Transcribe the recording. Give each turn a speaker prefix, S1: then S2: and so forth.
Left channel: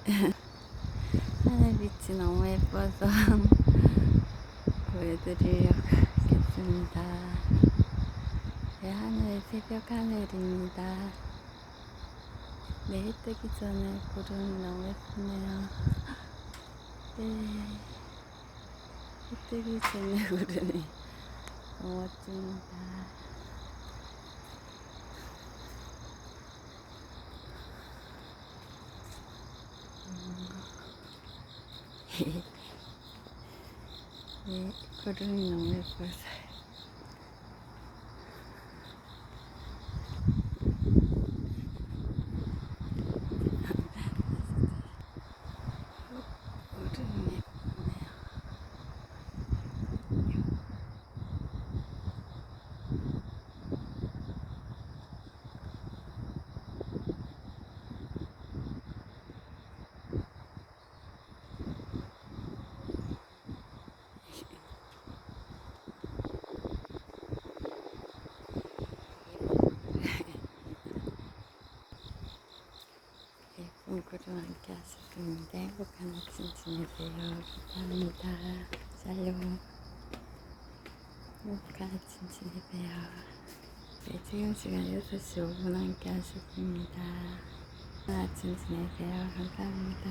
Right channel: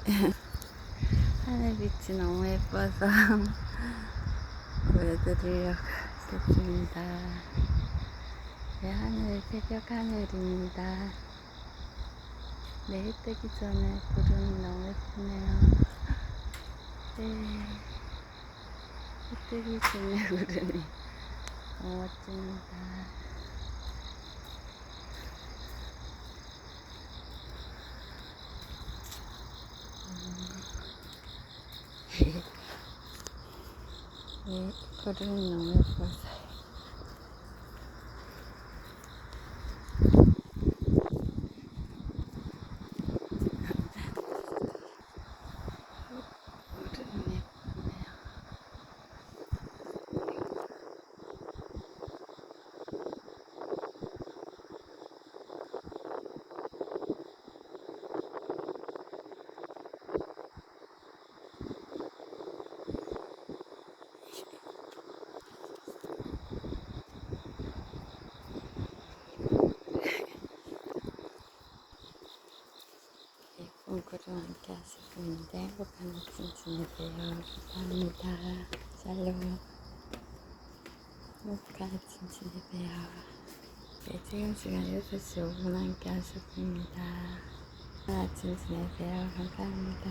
S1: 하늘빛이 너무 예뻐서 보여드리려고 하겠습니다. 네, 하늘 새벽 하늘입니다. 네, 해 뜨기 전에 구름이 너무 예쁘네요. 네, 해 뜨기 전에 구름이 너무 멋집니다. 네, 구름이 너무 예뻐서요. 구름이 예쁘네요. 구름 함께 하셨는데 행복한 아침 지내세요. 감사합니다. 샬롬. 행복한 아침 지내세요. 네, 지금 시간 6시 5분 함께 하셨습니다. 아침 지내세요. 감사합니다.